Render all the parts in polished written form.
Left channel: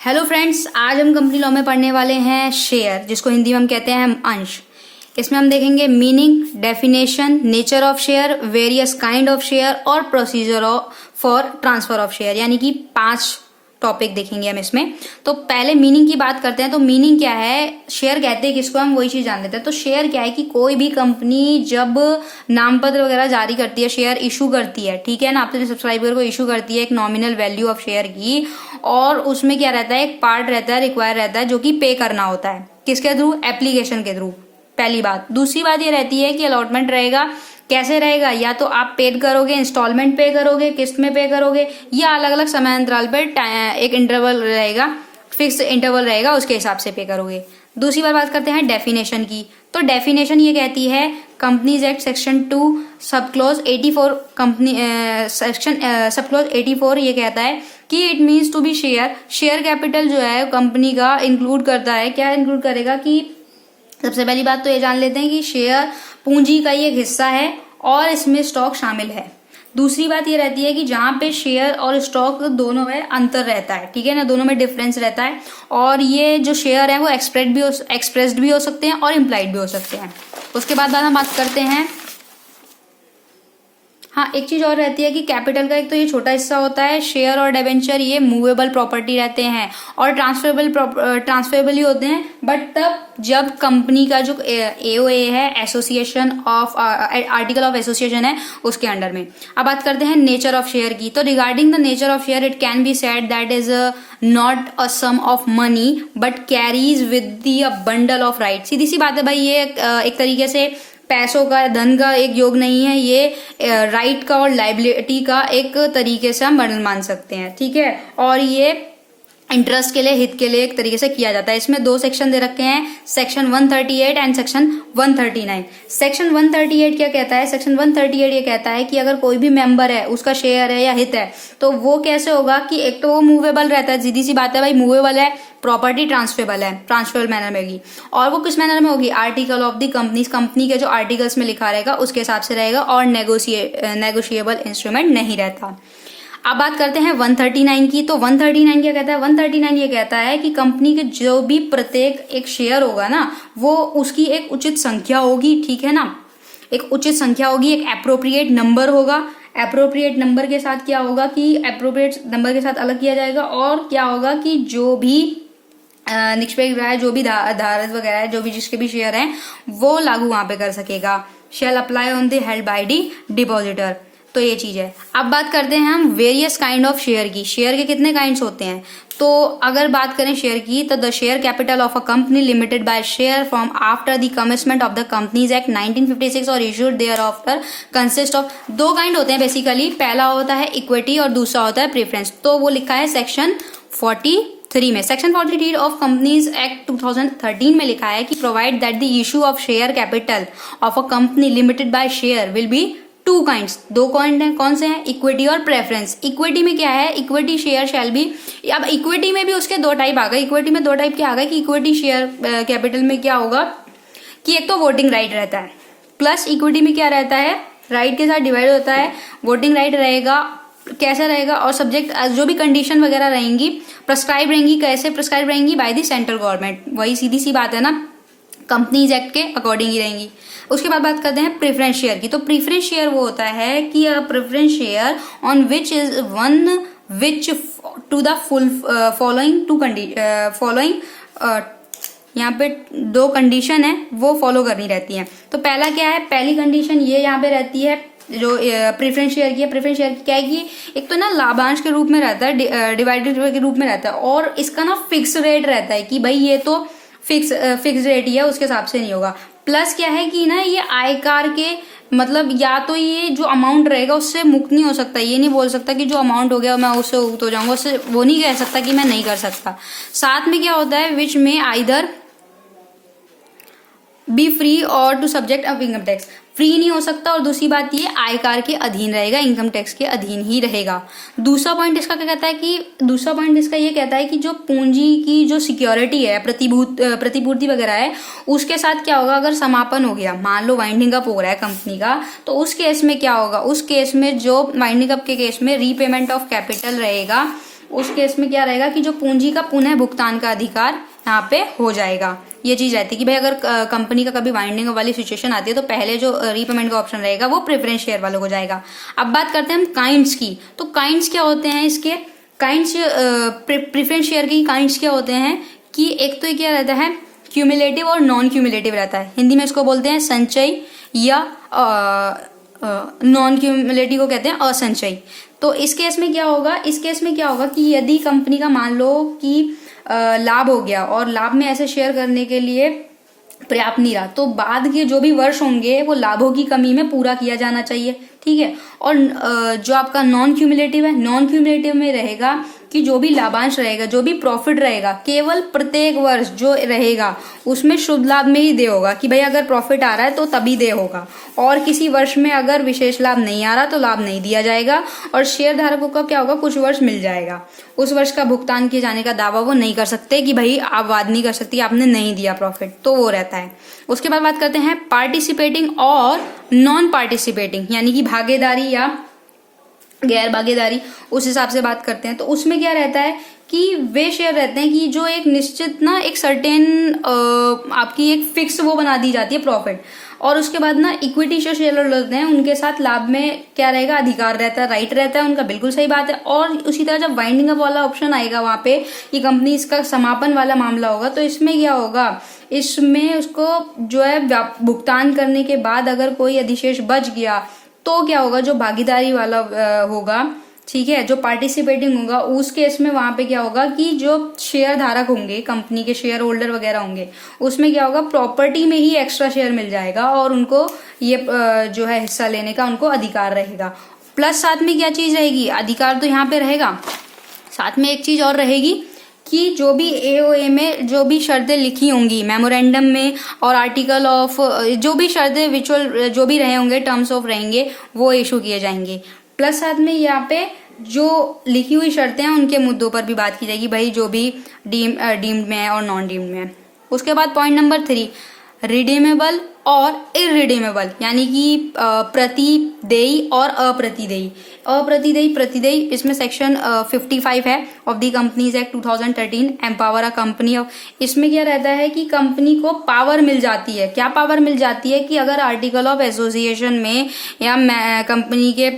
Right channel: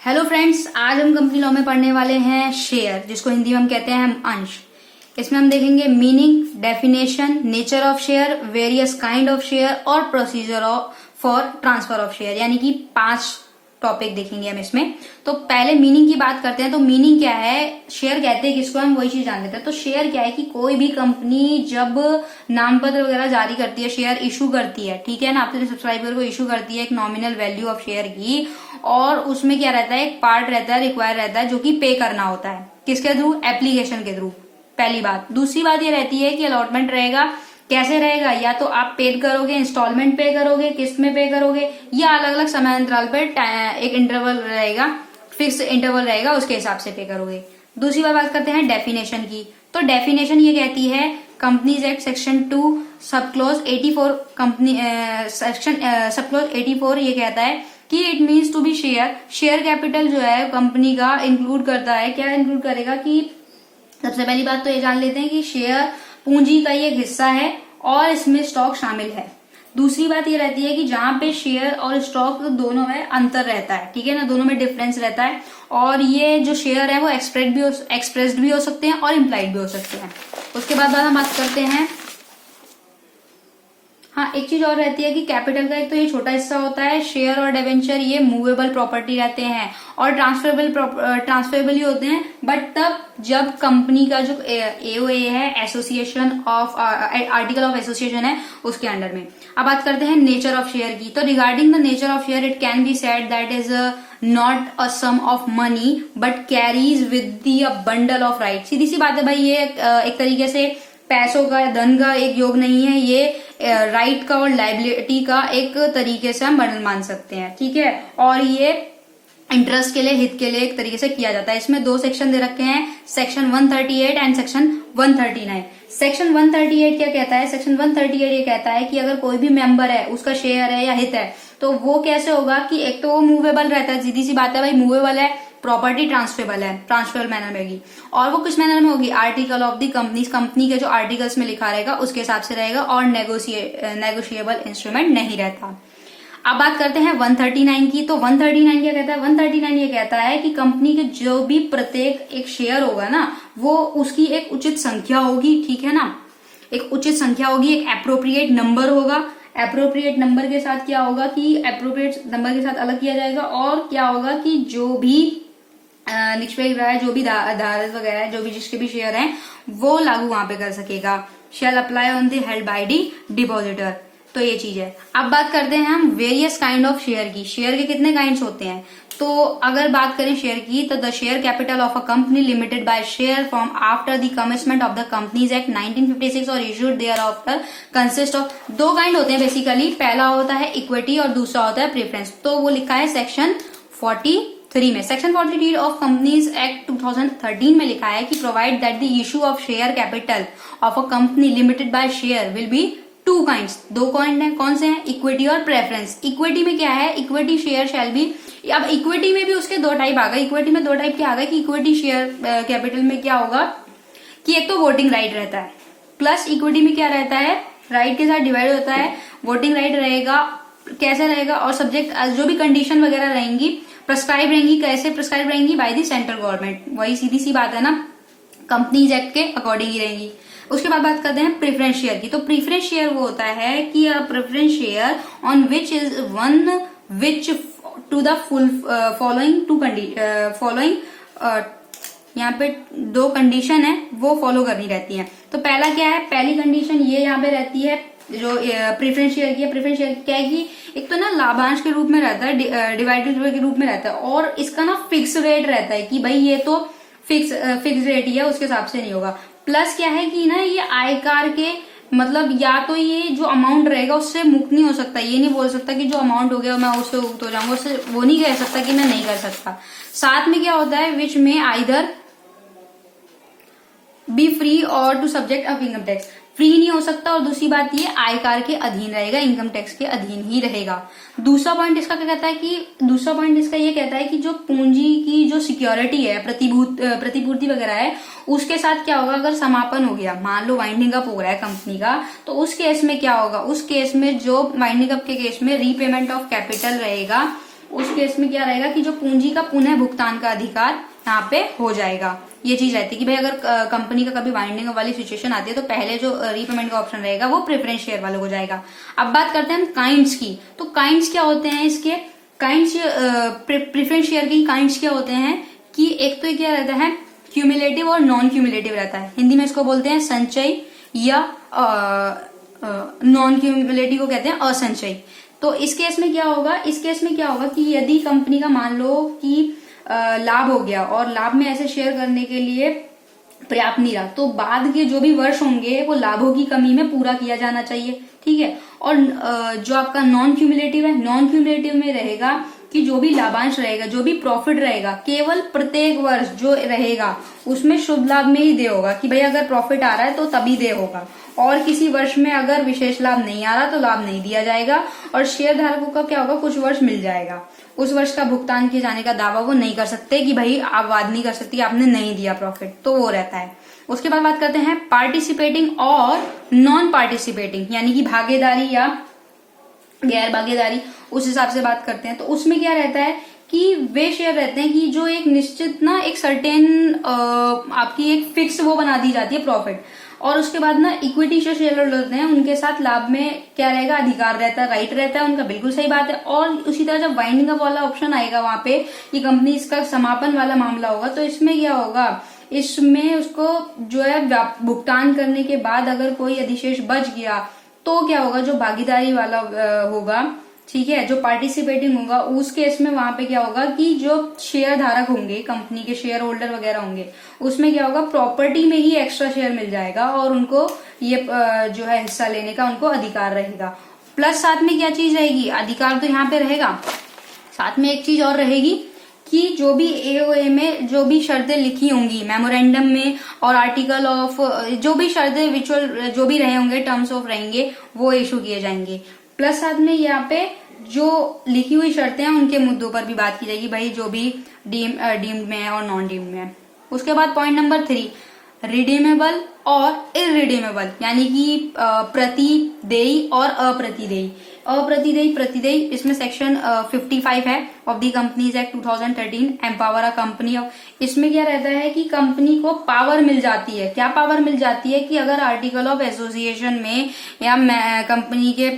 Hello friends, आज हम company law में पढ़ने वाले हैं शेयर, जिसको हिंदी में हम कहते हैं अंश। इसमें हम देखेंगे meaning, definition, nature of share, various kind of share और procedure for transfer of share, यानी कि 5 टॉपिक देखेंगे हम इसमें। तो पहले मीनिंग की बात करते हैं। तो मीनिंग क्या है, शेयर कहते हैं किसको, हम वही चीज जान लेते हैं। तो शेयर क्या है कि कोई भी कंपनी जब नामपत्र वगैरह जारी करती है, शेयर इशू करती है, ठीक है ना, अपने सब्सक्राइबर को इशू करती है एक नॉमिनल वैल्यू ऑफ शेयर की, और उसमें क्या रहता है, एक पार्ट रहता है, रिक्वायर रहता है, जो कि पे करना होता है। किसके थ्रू? एप्लीकेशन के थ्रू, पहली बात। दूसरी बात ये रहती है कि अलॉटमेंट रहेगा। कैसे रहेगा? या तो आप पेड करोगे, इंस्टॉलमेंट पे करोगे, किस्त में पे करोगे, या अलग अलग समय अंतराल पर एक इंटरवल रहेगा, फिक्स इंटरवल रहेगा, उसके हिसाब से पे करोगे। दूसरी बात करते हैं डेफिनेशन की। तो डेफिनेशन ये कहती है, companies act section 2 sub clause 84 company section sub clause 84 ये कहता है कि it means to be share. Share capital जो है कंपनी का इंक्लूड करता है, क्या इंक्लूड करेगा कि सबसे पहली बात तो ये जान लेते हैं कि शेयर पूंजी का ही एक हिस्सा है और इसमें स्टॉक शामिल है। दूसरी बात ये रहती है कि जहां पे शेयर और स्टॉक दोनों में अंतर रहता है, ठीक है ना, दोनों में डिफरेंस रहता है, और ये जो शेयर है वो एक्सप्रेस्ड भी हो सकते हैं और इम्प्लाइड भी हो सकते हैं। उसके बाद हम बात करते हैं, हाँ, एक चीज और रहती है कि कैपिटल का एक तो ये छोटा हिस्सा होता है, शेयर और डिबेंचर ये मूवेबल प्रॉपर्टी रहते हैं और ट्रांसफरेबल ही होते हैं, बट तब जब कंपनी का जो एओए है, association of article of association है, उसके अंडर में। अब बात करते हैं नेचर ऑफ शेयर की। तो regarding the nature of share, it can be said that is not a sum of money but carries with the bundle of right. सीधी सी बात है भाई, ये एक तरीके से पैसों का, धन का एक योग नहीं है, ये राइट का और लाइबिलिटी का एक तरीके से हम बंडल मान सकते हैं, ठीक है। और ये इंटरेस्ट के लिए, हित के लिए एक तरीके से किया जाता है। इसमें 2 सेक्शन दे रखे हैं, सेक्शन 138 एंड सेक्शन 139। सेक्शन 138 क्या कहता है? सेक्शन 138 ये कहता है कि अगर कोई भी मेंबर है, उसका शेयर है या हित है, तो वो कैसे होगा कि एक तो वो मूवेबल रहता है, सीधी सी बात है भाई, मूवेबल है, प्रॉपर्टी ट्रांसफरेबल है, ट्रांसफरेबल मैनर में होगी। और वो किस मैनर में होगी? आर्टिकल ऑफ द कंपनी के जो आर्टिकल्स में लिखा रहेगा उसके हिसाब से रहेगा, और नेगोशिएबल इंस्ट्रूमेंट नहीं रहता। अब बात करते हैं 139 की। तो 139 क्या कहता है? 139 ये कहता है कि कंपनी के जो भी प्रत्येक एक शेयर होगा ना, वो उसकी एक उचित संख्या होगी, ठीक है ना, एक उचित संख्या होगी, एक एप्रोप्रिएट नंबर होगा। एप्रोप्रिएट नंबर के साथ क्या होगा कि एप्रोप्रिएट नंबर के साथ अलग किया जाएगा, और क्या होगा कि जो भी निष्पक्ष राय, जो भी धारक वगैरह, जो भी जिसके भी शेयर हैं, वो लागू वहां पे कर सकेगा। Shall apply on the held by the depositor. तो ये चीज है। अब बात करते हैं हम वेरियस काइंड ऑफ शेयर की। शेयर के कितने काइंड्स होते हैं? तो अगर बात करें शेयर की, तो the share capital of a company limited by share form after the commitment of the companies act 1956 और issued thereafter consist of 2 kind होते हैं बेसिकली। पहला होता है इक्विटी और दूसरा होता है प्रेफरेंस। तो वो लिखा है सेक्शन 43 में। सेक्शन 43 ऑफ कंपनीज एक्ट 2013 में लिखा है कि provide that the issue of share capital of a company limited by share will be 2 kinds. 2 kind है, कौन से हैं? इक्विटी और प्रेफरेंस। इक्विटी में क्या है? इक्विटी शेयर शैल बी, अब इक्विटी में भी उसके 2 टाइप आ गए। इक्विटी में 2 टाइप क्या आ गए कि इक्विटी शेयर कैपिटल में क्या होगा कि एक तो वोटिंग राइट रहता है, प्लस इक्विटी में क्या रहता है, राइट के साथ डिवाइड होता है, वोटिंग राइट रहेगा। कैसे रहेगा? और सब्जेक्ट जो भी कंडीशन वगैरह रहेंगी प्रिस्क्राइब रहेंगी। कैसे प्रिस्क्राइब रहेंगी? By the central government. वही सीधी सी बात है ना, कंपनीज एक्ट के अकॉर्डिंग ही रहेंगी। उसके बाद बात करते हैं प्रेफरेंस शेयर की। तो प्रेफरेंस शेयर वो होता है कि preference share on which is one which to the full following यहाँ पे 2 कंडीशन है, वो फॉलो करनी रहती है। तो पहला क्या है? पहली कंडीशन ये यहाँ पे रहती है जो प्रेफरेंस शेयर की है। प्रेफरेंस शेयर क्या है कि एक तो ना लाभांश के रूप में रहता है, डिवाइडेड के रूप में रहता है, और इसका ना फिक्स रेट रहता है कि भाई ये तो फिक्स रेट ही है, उसके हिसाब से नहीं होगा। प्लस क्या है कि ना ये आयकर के मतलब, या तो ये जो अमाउंट रहेगा उससे मुक्त नहीं हो सकता। ये नहीं बोल सकता कि जो अमाउंट हो गया मैं उससे मुक्त हो जाऊंगा, उससे वो नहीं कह सकता कि मैं नहीं कर सकता। साथ में क्या होता है, विच में आइदर बी फ्री और to subject of income tax. Free नहीं हो सकता, और दूसरी बात ये आयकर के अधीन रहेगा, इनकम टैक्स के अधीन ही रहेगा। दूसरा पॉइंट इसका क्या कहता है कि दूसरा पॉइंट इसका ये कहता है कि जो पूंजी की जो सिक्योरिटी है, प्रतिपूर्ति वगैरह है, उसके साथ क्या होगा अगर समापन हो गया, मान लो वाइंडिंग अप हो रहा है कंपनी का, तो उस केस में क्या होगा, उस केस में जो वाइंडिंग अप के केस में रीपेमेंट ऑफ कैपिटल रहेगा उस केस में क्या रहेगा कि जो पूंजी का पुनः भुगतान का अधिकार यहाँ पे हो जाएगा। ये चीज रहती है कि भाई अगर कंपनी का कभी वाइंडिंग वाली सिचुएशन आती है तो पहले जो रीपेमेंट का ऑप्शन रहेगा वो प्रेफरेंस शेयर वालों को जाएगा। अब बात करते हैं हम काइंड्स की। तो काइंड्स क्या होते हैं इसके? काइंड्स प्रेफरेंस शेयर के काइंड्स क्या होते हैं कि एक तो क्या रहता है, क्यूमुलेटिव और नॉन क्यूमुलेटिव रहता है। हिंदी में इसको बोलते हैं संचय या नॉन क्यूमुलेटिव को कहते हैं असंचयी। तो इस केस में क्या होगा, इस केस में क्या होगा कि यदि कंपनी का मान लो कि लाभ हो गया और लाभ में ऐसे शेयर करने के लिए पर्याप्त नहीं रहा, तो बाद के जो भी वर्ष होंगे वो लाभों की कमी में पूरा किया जाना चाहिए, ठीक है। और जो आपका नॉन क्यूमुलेटिव है, नॉन क्यूमुलेटिव में रहेगा कि जो भी लाभांश रहेगा, जो भी प्रॉफिट रहेगा, केवल प्रत्येक वर्ष जो रहेगा उसमें शुद्ध लाभ में ही दे होगा कि भाई अगर प्रॉफिट आ रहा है तो तभी दे होगा, और किसी वर्ष में अगर विशेष लाभ नहीं आ रहा तो लाभ नहीं दिया जाएगा। और शेयर धारकों का क्या होगा, कुछ वर्ष मिल जाएगा, उस वर्ष का भुगतान किए जाने का दावा वो नहीं कर सकते कि भाई आप वाद नहीं कर सकती आपने नहीं दिया प्रॉफिट, तो वो रहता है। उसके बाद बात करते हैं पार्टिसिपेटिंग और नॉन पार्टिसिपेटिंग, यानी कि भागीदारी या गैर भागीदारी, उस हिसाब से बात करते हैं। तो उसमें क्या रहता है कि वे शेयर रहते हैं कि जो एक निश्चित ना एक सर्टेन आपकी एक फिक्स वो बना दी जाती है प्रॉफिट, और उसके बाद ना इक्विटी जो शेयर होते हैं उनके साथ लाभ में क्या रहेगा, अधिकार रहता है, राइट रहता है उनका, बिल्कुल सही बात है। और उसी तरह जब वाइंडिंग अप वाला ऑप्शन आएगा वहां पे कि कंपनी इसका समापन वाला मामला होगा, तो इसमें क्या होगा, इसमें उसको जो है भुगतान करने के बाद अगर कोई अधिशेष बच गया तो क्या होगा, जो भागीदारी वाला होगा, ठीक है, जो पार्टिसिपेटिंग होगा, उस केस में वहां पे क्या होगा कि जो शेयर धारक होंगे, कंपनी के शेयर होल्डर वगैरह होंगे, उसमें क्या होगा, प्रॉपर्टी में ही एक्स्ट्रा शेयर मिल जाएगा और उनको ये जो है हिस्सा लेने का उनको अधिकार रहेगा। प्लस साथ में क्या चीज रहेगी, अधिकार तो यहाँ पे रहेगा, साथ में एक चीज और रहेगी कि जो भी एओए में जो भी शर्तें लिखी होंगी मेमोरेंडम में और आर्टिकल ऑफ जो भी शर्तें विचुअल जो भी रहे होंगे, टर्म्स ऑफ रहेंगे, वो इशू किए जाएंगे। प्लस साथ में यहाँ पे जो लिखी हुई शर्तें हैं उनके मुद्दों पर भी बात की जाएगी, भाई जो भी डीम्ड में है और नॉन डीम्ड में है। उसके बाद पॉइंट नंबर 3, रिडीमेबल और इरिडीमेबल, यानी कि प्रतिदेयी और अप्रतिदेयी। अप्रतिदेयी, प्रतिदेयी, इसमें सेक्शन 55 है of the companies act 2013, empower a company of. इसमें क्या रहता है कि कंपनी को पावर मिल जाती है, क्या पावर मिल जाती है कि अगर आर्टिकल ऑफ एसोसिएशन में या कंपनी के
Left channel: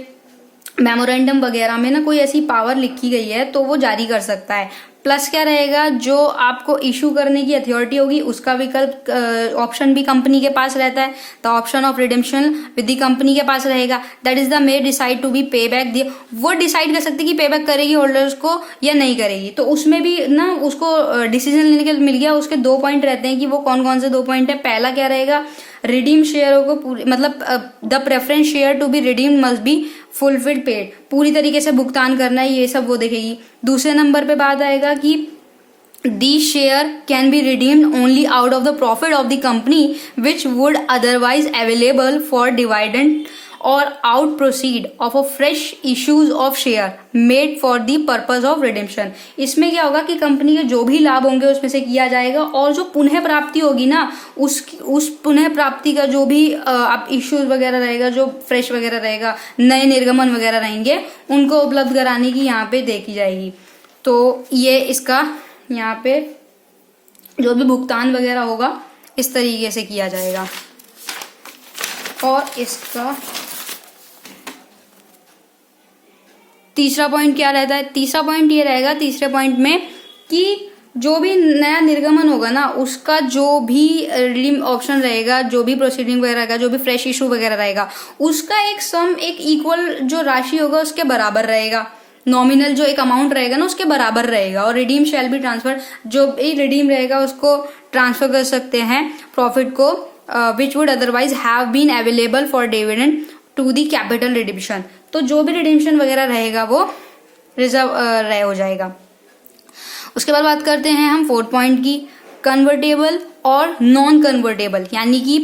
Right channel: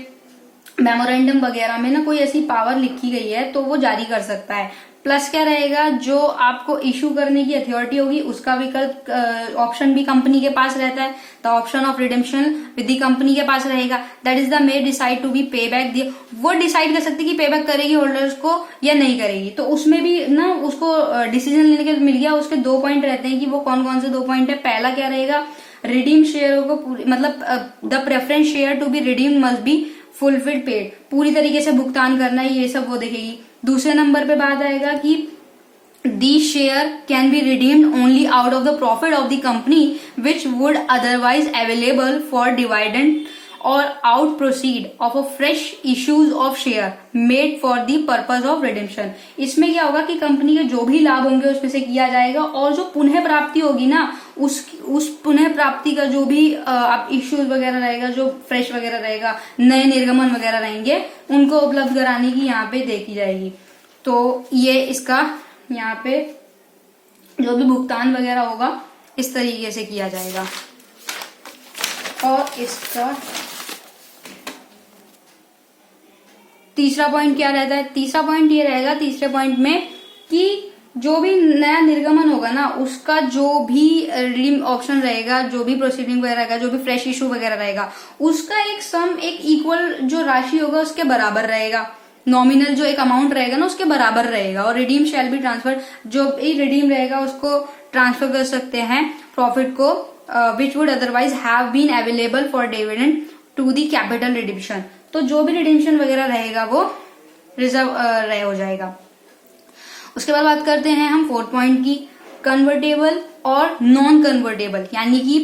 मेमोरेंडम वगैरह में ना कोई ऐसी पावर लिखी गई है तो वो जारी कर सकता है। प्लस क्या रहेगा, जो आपको इशू करने की अथॉरिटी होगी उसका विकल्प ऑप्शन भी कंपनी के पास रहता है, the option of redemption with the company के पास रहेगा, that is the may decide to be pay back, वो डिसाइड कर सकती है कि पे बैक करेगी होल्डर्स को या नहीं करेगी। तो उसमें भी ना उसको डिसीजन लेने के मिल गया। उसके 2 पॉइंट रहते हैं कि वो कौन कौन से 2 पॉइंट है। पहला क्या रहेगा, रिडीम शेयरों को मतलब the preference share to be redeem must be fulfilled paid, पूरी तरीके से भुगतान करना है, ये सब वो देखेगी। दूसरे नंबर पे बात आएगा कि these share can be redeemed only out of the profit of the company which would otherwise available for dividend or out proceed of a fresh issues of share made for the purpose of redemption। इसमें क्या होगा कि company के जो भी लाभ होंगे उसमें से किया जाएगा, और जो पुनः प्राप्ति होगी ना उस पुनः प्राप्ति का जो भी आप इश्यूज वगैरह रहेगा, जो फ्रेश वगैरह रहेगा, नए निर्गमन वगैरह रहेंगे, उनको उपलब्ध कराने की यहाँ पे देखी जाएगी। तो ये इसका यहाँ पे जो भी भुगतान वगैरह होगा इस तरीके से किया जाएगा। और इसका तीसरा पॉइंट क्या रहता है, तीसरा पॉइंट ये रहेगा तीसरे पॉइंट में कि जो भी नया निर्गमन होगा ना उसका जो भी रिडीम ऑप्शन रहेगा, जो भी प्रोसीडिंग वगैरह रहेगा, जो भी फ्रेश इशू वगैरह रहेगा, उसका एक सम एक इक्वल जो राशि होगा उसके बराबर रहेगा, नॉमिनल जो एक अमाउंट रहेगा ना उसके बराबर रहेगा। और रिडीम शैल बी ट्रांसफर, जो भी रिडीम रहेगा उसको ट्रांसफर कर सकते हैं प्रॉफिट को which would otherwise have been available for dividend to the capital redemption. तो जो भी रिडिम्पशन वगैरह रहेगा वो रिजर्व रह हो जाएगा। उसके बाद बात करते हैं हम 4th पॉइंट की, कन्वर्टेबल और नॉन कन्वर्टेबल, यानी कि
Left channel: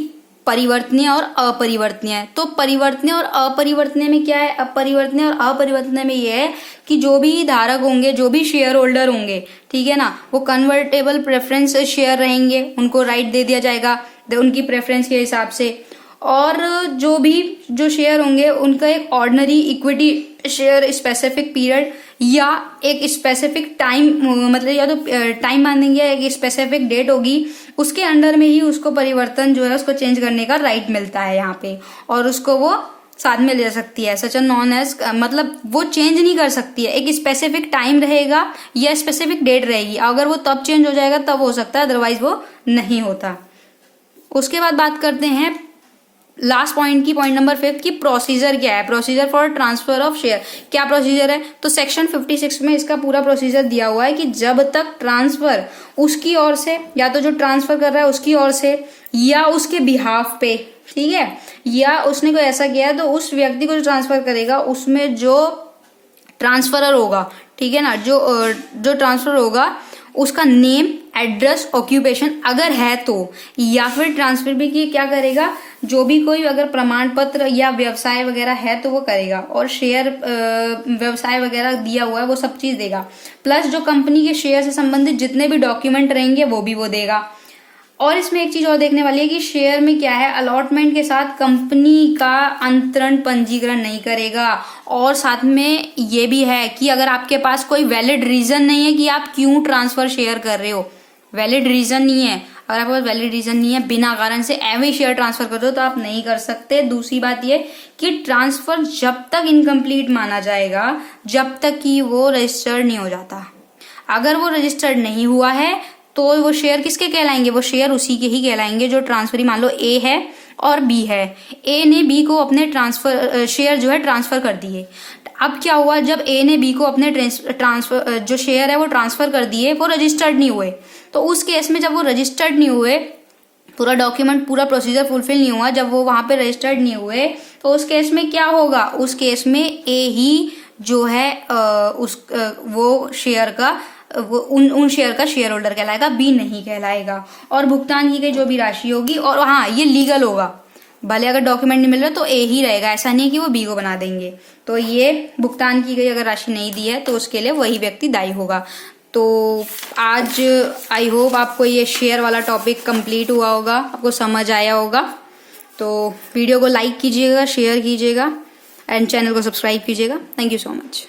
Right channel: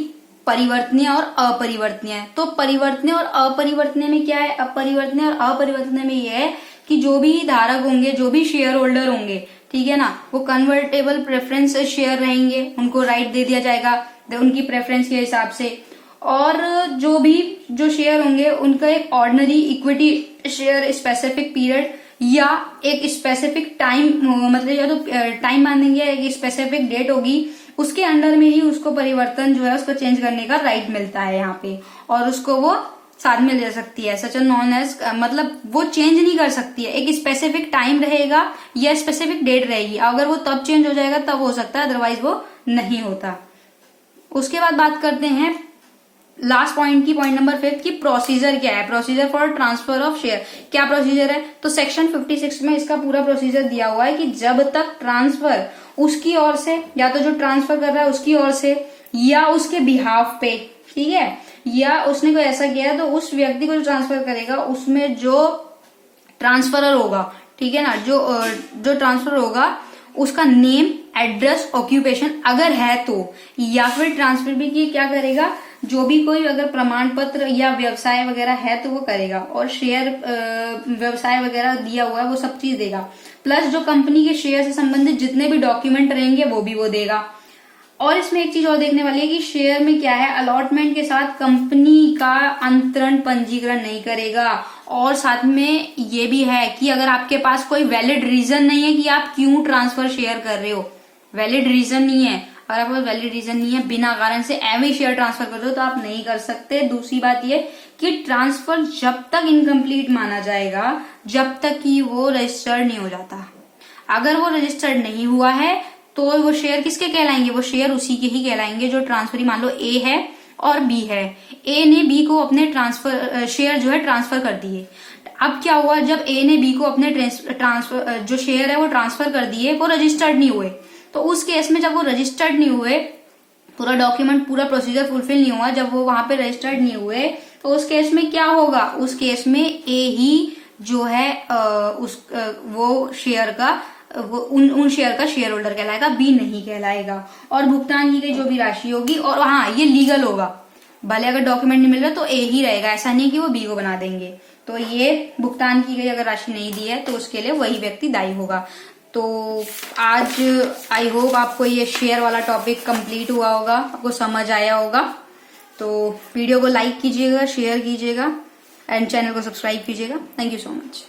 परिवर्तनीय और अपरिवर्तनीय। तो परिवर्तनीय और अपरिवर्तनीय में क्या है, अपरिवर्तनीय और अपरिवर्तनीय में यह है कि जो भी धारक होंगे, जो भी शेयर होल्डर होंगे, ठीक है ना, वो कन्वर्टेबल प्रेफरेंस शेयर रहेंगे, उनको राइट दे दिया जाएगा उनकी प्रेफरेंस के हिसाब से। और जो शेयर होंगे उनका एक ordinary equity share specific period या एक स्पेसिफिक टाइम, मतलब या तो टाइम मानेंगे या एक स्पेसिफिक डेट होगी, उसके अंडर में ही उसको परिवर्तन जो है उसको चेंज करने का राइट मिलता है यहाँ पे, और उसको वो साथ में ले सकती है। सच नॉन एज, मतलब वो चेंज नहीं कर सकती है, एक स्पेसिफिक टाइम रहेगा या स्पेसिफिक डेट रहेगी, अगर वो तब चेंज हो जाएगा तब हो सकता है, अदरवाइज वो नहीं होता। उसके बाद बात करते हैं लास्ट पॉइंट की, पॉइंट नंबर 5 की प्रोसीजर क्या है, procedure for transfer of share. क्या प्रोसीजर है, तो सेक्शन 56 में इसका पूरा प्रोसीजर दिया हुआ है कि जब तक ट्रांसफर उसकी ओर से, या तो जो ट्रांसफर कर रहा है उसकी ओर से या उसके बिहाफ पे, ठीक है, या उसने कोई ऐसा किया है तो उस व्यक्ति को जो ट्रांसफर करेगा उसमें जो ट्रांसफरर होगा, ठीक है ना, जो ट्रांसफर होगा उसका नेम, एड्रेस, ऑक्यूपेशन अगर है तो, या फिर ट्रांसफर भी की क्या करेगा, जो भी कोई अगर प्रमाण पत्र या व्यवसाय वगैरह है तो वो करेगा, और शेयर व्यवसाय वगैरह दिया हुआ है वो सब चीज देगा, प्लस जो कंपनी के शेयर से संबंधित जितने भी डॉक्यूमेंट रहेंगे वो भी वो देगा। और इसमें एक चीज और देखने वाली है कि शेयर में क्या है, अलॉटमेंट के साथ कंपनी का अंतरण पंजीकरण नहीं करेगा, और साथ में ये भी है कि अगर आपके पास कोई वैलिड रीजन नहीं है कि आप क्यों ट्रांसफर शेयर कर रहे हो, वैलिड रीजन नहीं है, अगर आपके पास वैलिड रीजन नहीं है, बिना कारण से एवं शेयर ट्रांसफर कर दो तो आप नहीं कर सकते। दूसरी बात ये कि ट्रांसफर जब तक इनकम्प्लीट माना जाएगा जब तक कि वो रजिस्टर्ड नहीं हो जाता। अगर वो रजिस्टर्ड नहीं हुआ है तो वो शेयर किसके कहलाएंगे, वो शेयर उसी के ही कहलाएंगे जो ट्रांसफरी, मान लो ए है और बी है, ए ने बी को अपने ट्रांसफर शेयर जो है ट्रांसफर कर दिए। अब क्या हुआ, जब ए ने बी को अपने ट्रांसफर जो शेयर है वो ट्रांसफर कर दिए, वो रजिस्टर्ड नहीं हुए, तो उस केस में जब वो रजिस्टर्ड नहीं हुए, पूरा डॉक्यूमेंट पूरा प्रोसीजर फुलफिल नहीं हुआ, जब वो वहां पे रजिस्टर्ड नहीं हुए, तो उस केस में क्या होगा, उस केस में ए ही जो है वो शेयर का वो उन शेयर का शेयर होल्डर कहलाएगा, बी नहीं कहलाएगा। और भुगतान की गई जो भी राशि होगी, और हाँ ये लीगल होगा, भले अगर डॉक्यूमेंट नहीं मिल रहा तो ए ही रहेगा, ऐसा नहीं कि वो बी को बना देंगे। तो ये भुगतान की गई अगर राशि नहीं दी है तो उसके लिए वही व्यक्ति दायी होगा। तो आज आई होप आपको ये शेयर वाला टॉपिक कंप्लीट हुआ होगा, आपको समझ आया होगा। तो वीडियो को लाइक कीजिएगा, शेयर कीजिएगा एंड चैनल को सब्सक्राइब कीजिएगा। Thank you so much.